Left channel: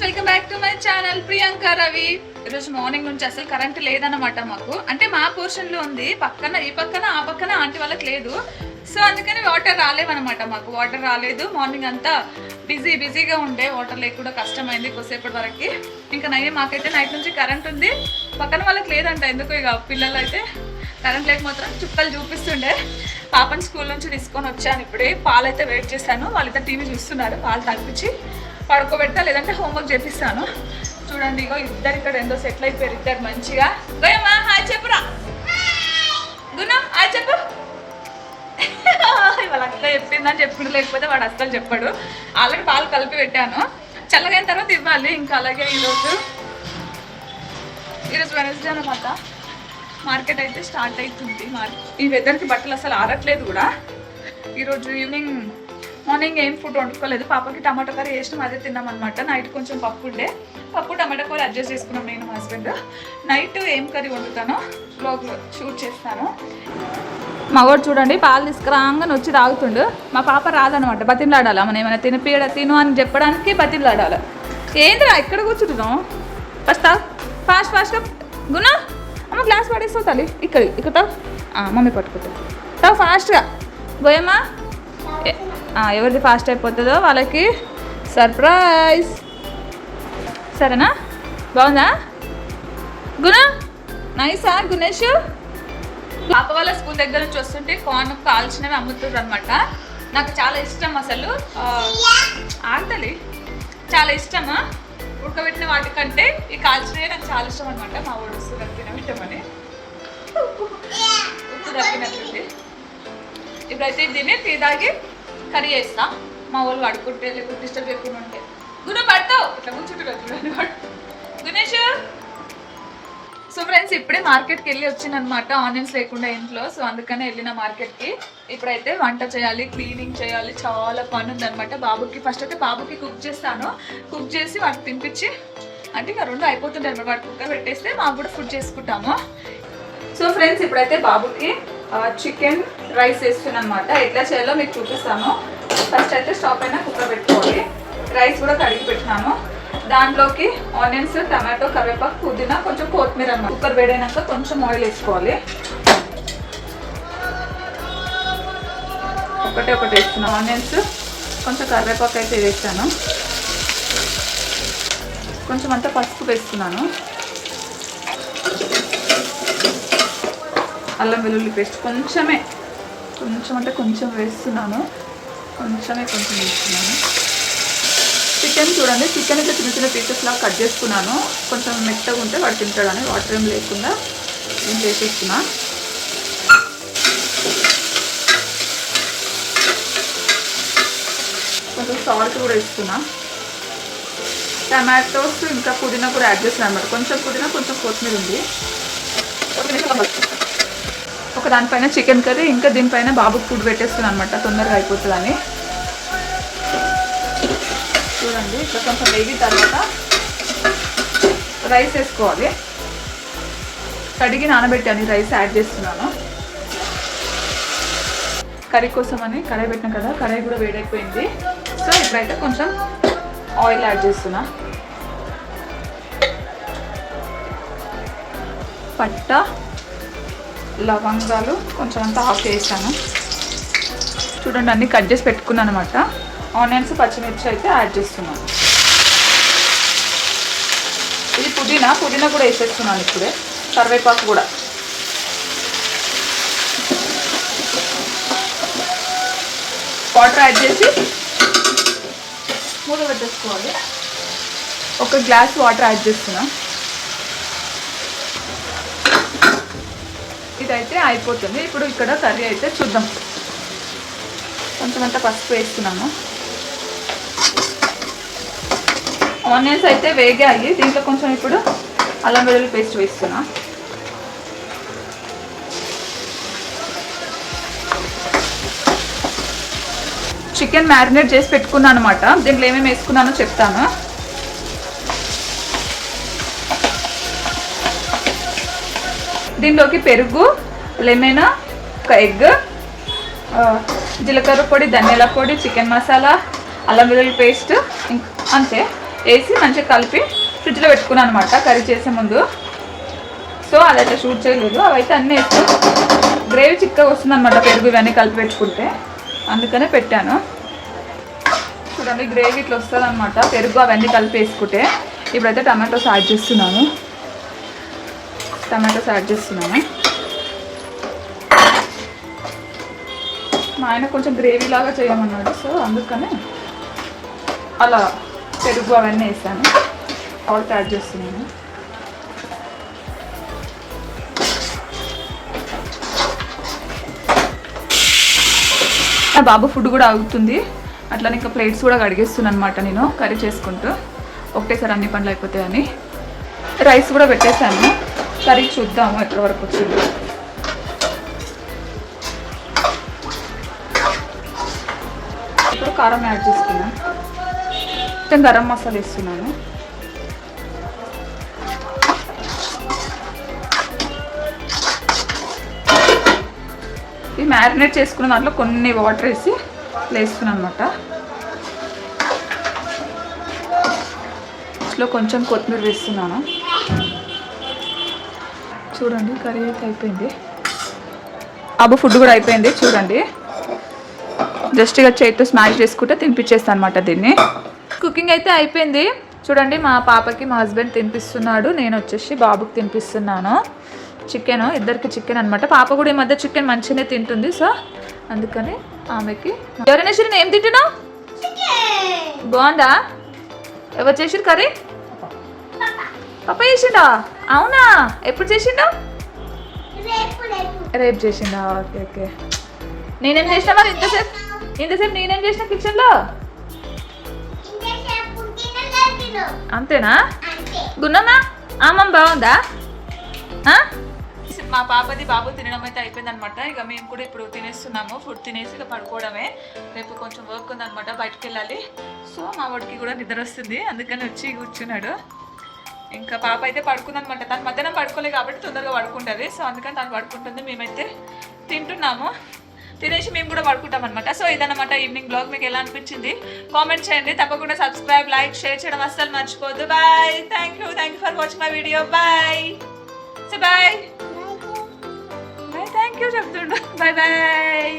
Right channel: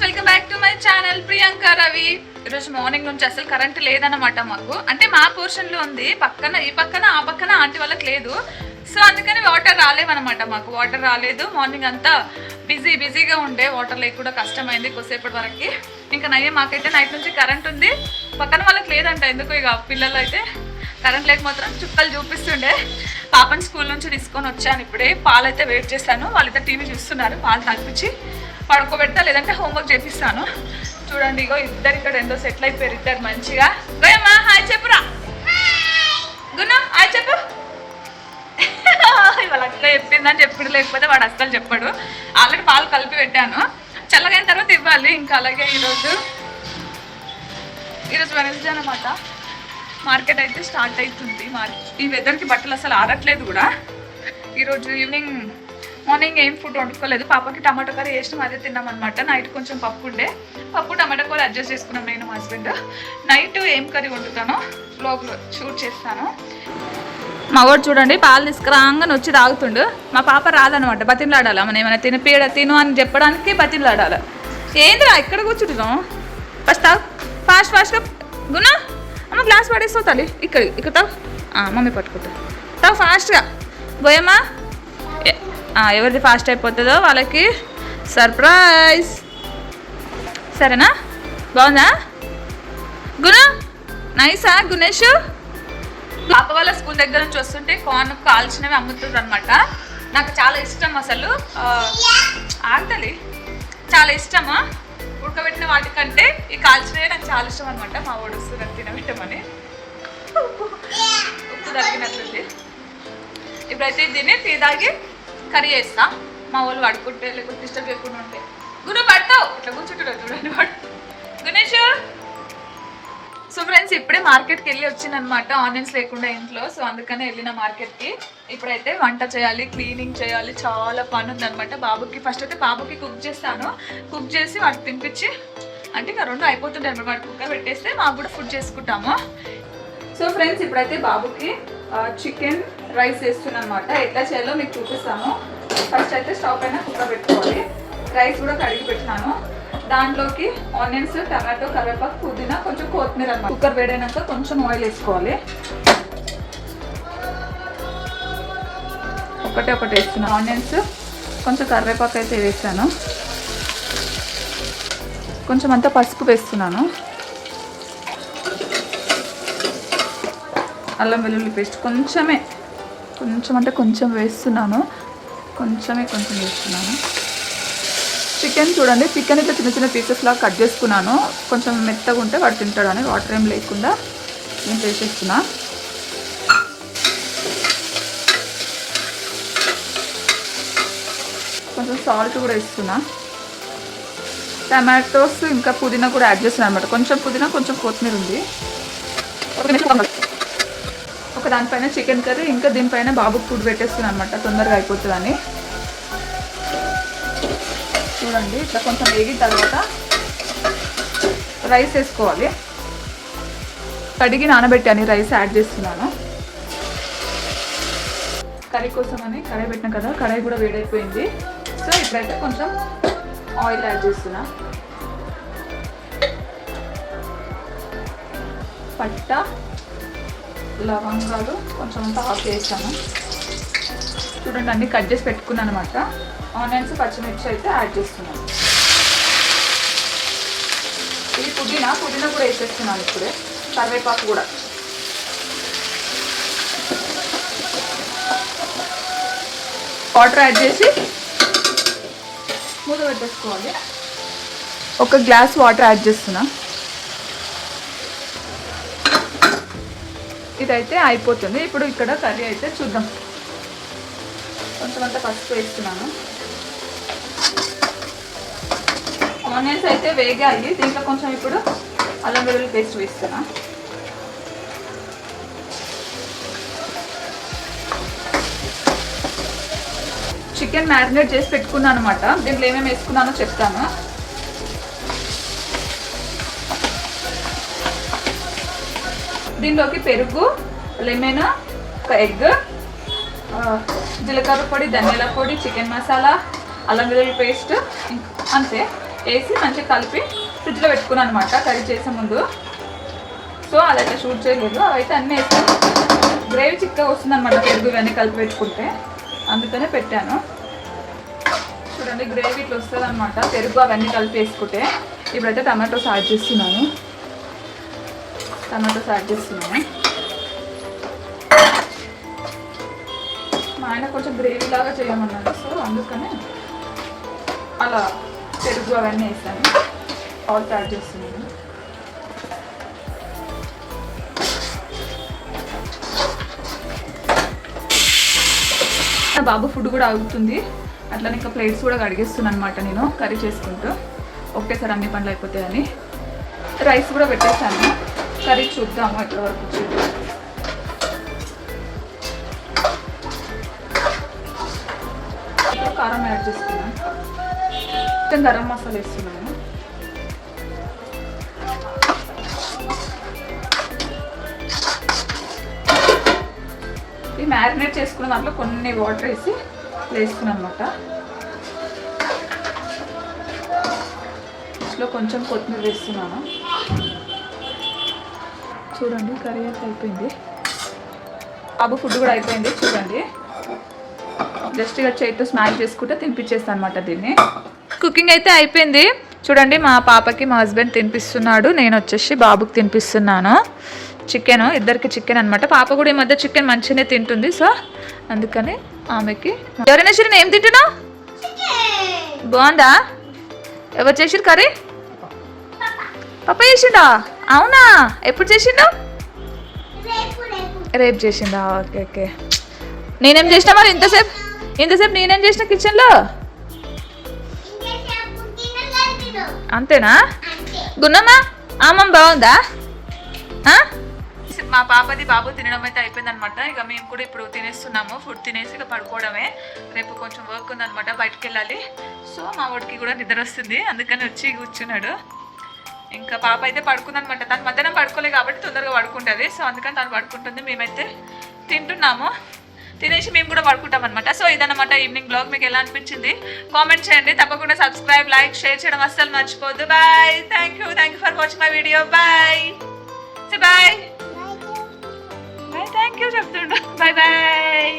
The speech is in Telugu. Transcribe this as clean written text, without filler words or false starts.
Friends, welcome back to my channel Priyanka Ravi. ఈరోజు మార్నింగ్ నుంచి అసలు కరెంట్ లేదన్నమాట. మాకు అంటే మా పోర్షన్లో ఉంది, పక్కన ఈ పక్కన ఆ పక్కన ఆంటీ వాళ్ళకి లేదు. సో అందుకని వాటర్ రాలేవన్నమాట. మాకు వాటర్ రాలేదు. మార్నింగ్ అంతా బిజీగా ఉండే, వాటర్ లేకుండా కష్టమైంది కొద్దిసేపటి వరకు. ఇంకా నయ్యే మాకైతే నైట్ నుంచి కరెంట్ ఉంది, పక్కన వాళ్ళకి లేదంట. ఎందుకు ఇక పిల్లలు అయితే కరెంట్ లేక మాత్రం చుక్కలు చూపిస్తుండే. పాపని స్కూల్ నుంచి తీసుకొని వచ్చాను. ఇప్పుడే పాలైతే వెయిట్ చేశాను. వాళ్ళైతే టీవీ చూస్తున్నారు. పాలు తాగిపించి పడుకోబెడతా, లేదంటే హోంవర్క్ చేపిస్తాను. చూడండి, ఇగో ఇద్దరు ఇక్కడ ఎంతో సెటిల్ అయిపోయారు. ఇద్దరు మంచిగా. గోయమ్మా హాయ్ చెప్పురా. గుణ హాయ్ చెప్పు. వాళ్ళ అక్క చెప్పిందని చెప్పుడు, లేకపోతే వాడు అస్సలు చెప్పాడు. ఆల్రెడీ పాలు కలిపి పెట్టాను, చల్లగైన తర్వాత ఇవ్వాలి. ఇంకా అలాగే ఈరోజు వెనస్డే అన్నమాట. మార్కెట్ అయితే స్టార్ట్ అవుతుంది. ఈ వెదర్కి బట్టలు అసలు ఆరట్లేదు కూడా. ఈరోజు ఈవినింగ్ మార్నింగ్ ఏం ఫుడ్ వండుకోలేదు. పాపకి టమాటా కర్రీ వేసినాం, అదే తిన్నాం అనమాట. నైట్ కొంచెం పప్పు ఉండే, పప్పు టమాటా కూర అడ్జస్ట్ చేసుకున్నాం నేను మా హస్బెండ్. నైట్ ఏం కర్రీ వండుతానో బ్లాగ్లో షూట్ చేస్తాను. మా వాడు చూడండి పాలు తీసుకురాగానే వచ్చి తాగుతుండు. మా పాప రాదనమాట, బతిలాడాలి. మనం ఏమైనా తిను అని చెప్పడానికి బతిలాడాలి. ఏంద్రా ఇక్కడ కూర్చుంటున్నాం? ఫస్ట్ తాగు, ఫాస్ట్గా. గుణ అమ్మ గ్లాస్ పడేస్తావు తల్లి. ఇక్కడ తావు, మమ్మీ పట్టుకుంటా. తావు ఫాస్ట్గా. గోయమ్మా ఎవరిది ఫాస్ట్ అయిపోతుందో వాళ్ళకి సర్ప్రైజ్. సరేనా? బాగుందా గుణ? నైసా గుణేష్? పాప వాళ్ళ స్కూల్ దగ్గర నుంచి వస్తుంటే కార్న్ కాల్చినవి అమ్ముతుంది అనమాట. నాకు చాలా ఇష్టం అసలు. ఆంతలి చాలా ఇష్టమా ఉడకబెట్టిన వాటికంటే ఈ కాల్చినవి నాకు చాలా ఇష్టం అనమాట. మా వాడు వస్తుంది తినబెట్టమని, ఉప్పు తగ్గినట్లుంది. ఇప్పుడైతే దీన్ని టీ తాగి కర్రీ చేస్తా. మా వాళ్ళు పడుకుంటే లేకపోతే డిస్టర్బ్ చేయకుండా ఉంటే. గుణ పడతావు ఇట్లా కూర్చుంటారు చూడండి వాడు. గుణేష్. సో ఫ్రెండ్స్, ఇప్పుడే మార్కెట్కి వెళ్ళి వచ్చిందనమాట. ఆనియన్స్ లేకుండా ఇంట్లో. సో అందుకనే వెళ్ళిన మార్కెట్కి. ఇప్పుడైతే వంట చేయాలి, క్లీనింగ్ చేయాలి, చాలా పని ఉందనమాట. బాబుకి ఫస్ట్ అయితే బాబుకి కుక్ చేస్తాను. కుక్ చేసి వాటికి తినిపించి అంటే ఇంకా రెండు అయిపోతుంటాయి అనమాట. వాటి కుక్కర్ పెట్టేస్తే మాకు కూడా ఫుడ్ చేసుకుంటాము. సో ఫ్రెండ్స్, ఇప్పుడైతే బాబుకి చికెన్ రైస్ వేస్తున్నాను అనమాట. ఎట్లా చేయాలో మీకు చూపిస్తాను. ఫస్ట్ అయితే స్టవ్ పైన కుక్కర్ పెట్టుకోవాలి. రైస్ కూడా కడిగి పెట్టినాను. దాంట్లోకి ఆనియన్స్, టమాటో, కరివేపాకు, పుదీనా, కొంచెం కొత్తిమీర అన్నమాట. కుక్కర్ వేడైనాక కొంచెం ఆయిల్ వేసుకోవాలి. ఒకటి వేస్తున్నాను. ఆనియన్స్, కొంచెం కరివేపాకు అయితే వేస్తాను. కొంచెం అంతా పసుపు వేస్తున్నాను. అల్లం వెల్లుల్లి పేస్ట్ కొంచెం అంటే కొంచెం వేస్తున్నాను. కొంచెం వేస్తున్నాను. చికెన్ చూడండి, చికెన్ అయితే చిన్న చిన్న పీసెస్లా కట్ చేసుకున్నాను. కొంచెం మెత్తగా ఉంటే వాడు తింటాడని వాటర్ ఏం లేకుండా నేను చేసేస్తున్నా. కొంచెం సాల్ట్ కూడా వేస్తున్నా. టమాటోస్ ఇంకా పుదీనా కూడా యాడ్ చేస్తున్నాను అనమాట. కొంచెం పుదీనా, కొంచెం కొత్తిమీర ఉంది. ఒక దానిపైన చికెన్ కర్రీ, ఇంకా దీనిపైన బాబుకి ఫుడ్ పెట్టేస్తున్నాను అనమాట, తొందరగా అయిపోతుందని. చూడండి, ఇట్లా కొంచెం వేగిన తర్వాత రైస్ వేసుకోవాలి. కడిగి నానబెట్టాను, రైస్ యాడ్ చేస్తున్నాను. కర్రీ కోసం అని కడాయి పెట్టినా కదా, కడాయి కూడా వేడైపోయింది. సో ఇప్పుడైతే కొంచెం ఆయిల్ యాడ్ చేస్తున్నా. పట్ట, లవంగాలు కొంచెం అంతా ఆఫ్ చేసాను. చూడండి, అన్నీ కట్ చేసి పెట్టుకున్నాను అనమాట. ఆనియన్స్, పచ్చిమిర్చి అయితే యాడ్ చేస్తున్నాను. ఇది పుదీనా కూడా వేసేస్తున్నాను ఇప్పుడే. కరివేపాకు కూడా. వాటర్ యాడ్ చేసి మూత పెట్టేసుకోవాలి. ఒక గ్లాస్ వాటర్ యాడ్ చేస్తున్నా. ఇదైతే అయిపోతుంది. ఇప్పుడు ఇక్కడ కర్రీ అయితే చూద్దాం. కొంచెం అంతా పసుపు వేస్తున్నాను. ఆనియన్స్ అయితే వేగాయి. దీంట్లో కొంచెం ఇప్పుడు అల్లం వెల్లుల్లి పేస్ట్ వేస్తున్నా. చికెన్ మ్యారినేట్ చేసి పెట్టుకున్నాను అనమాట. దీంట్లో ఏమేమి వేసుకున్నానో చెప్తాను. దీనిలోకి పెరుగు, లెమన్, ఒక ఎగ్, జీలకర్ర పొడి, ధనియాల పొడి, చికెన్ మసాలా, అల్లం వెల్లుల్లి పేస్ట్, అంతే. వేసి మంచిగా కలిపి ఫ్రిడ్జ్లో పెట్టుకున్నాను అనమాట కర్రీ చేసే ముందు. సో అదైతే షూట్ చేయలేదు. అవైతే అన్నీ వేస్తే గ్రేవీ చిక్కగా వస్తుంది అనమాట పెరుగు ఇవన్నీ కలిపి పెట్టుకుంటే, అందుకనే పెట్టాను. చూడండి గ్రేవీ ఇట్లా వస్తుంది అనమాట పెరుగు అవన్నీ కలిపి వేసుకుంటే. ఇప్పుడైతే టమాటోస్ యాడ్ చేస్తున్నాను. మా ఆయన కొంచెం గ్రేవీ లాగా చేయమన్నాడు, సో అందుకని అలా పెరుగు అవన్నీ వేసాను. ఆల్ట్ యాడ్ చేస్తున్నాను. బాబు ఫుడ్ కూడా అవుతుంది, అట్లనే ఇంకా ప్లేట్స్ కూడా కడిగేస్తున్నాను అనమాట నేను కర్రీ చేసుకుంటూ. ఒకటేసారి అన్ని పనులు అయిపోతాయని రైస్ కూడా పెట్టేసాను. కర్రీ చూద్దాము ఎక్కడి వరకు వచ్చింది. ఇప్పుడు కారం యాడ్ చేసుకున్నాను. మొత్తం గరం మసాలా వేస్తున్నాను. ఈ మ్యారినేట్ చేసుకున్న దాంట్లో కొన్ని వాటర్ వేసి వేసుకున్నాను అనమాట. ఇంట్లో కొంచెం కొత్తిమీర వేస్తున్నాను. చూడండి కర్రీ అయితే అయిపోయింది. బాబు ఫుడ్ కూడా అయిపోయింది. చూడండి జస్ట్ ఇక చేతితో స్మాష్ చేసుకుంటే తినిపించేస్తాను అనమాట దీన్ని. కుకింగ్ అయితే అయిపోయింది. చూడండి మా పాపకి మా హస్బెండ్ తినిపిస్తున్నాడు, నేను వచ్చేసి బాబుకి తినిపిస్తున్నాను. చికెన్, ఇద్దరికి చికెన్ అనమాట. పాప కూడా ఈ మధ్య చికెన్ మంచిగానే తింటుంది, సో అందుకని ఆమెకి. ఎవరైనా సరే ఏం తింటున్నావు? బాగుందా? ఎవరు చేసిరు కర్రీ? పాప చేసిండా? అవునా? ఎప్పుడు చేసిండు? రేపు చేసిండా? Okay okay. నేనేం చేసినా మరి ఇంతసేపు నేనేం చేసిన కిచెన్లో? అంతేనా? గున్నమ్మా అమ్మమ్మ బాగుందా? మా పాపది బాబు తినడం అయితే అయిపోయింది అనమాట. ఇక మేము కూడా ఇప్పుడు తినేస్తున్నాము. ఫుడ్ తినేసి ఇక పడుకోవడమే. రేపు కొంచెం వర్క్ ఉందనమాట, బయటకు వెళ్ళాలి. సో మా వాడికి కూడా నిద్ర వస్తుంది, అందుకని వచ్చి కూర్చున్నాడు. ఇంకా పాప అయితే పడుకుందనమాట. తను మధ్యాహ్నం పడుకోలేదు కాబట్టి తొందరగా పడుకుంటుంది, సో అందుకని తను పడుకుంటుంది. మేమైతే తింటున్నాము, తినేసి మేము కూడా పడుకుంటాం అనమాట. సో ఇదన్నమాట ఈవినింగ్ బ్లాగ్. మీకు ఎలా అనిపించింది కామెంట్ చేయండి. తప్పకుండా సబ్స్క్రైబ్, లైక్, షేర్ చేయడం అస్సలు మర్చిపోద్దు. Bye. Thank you for watching my video. Bye. Bye. Thank you చెప్తుండు. Bye bye.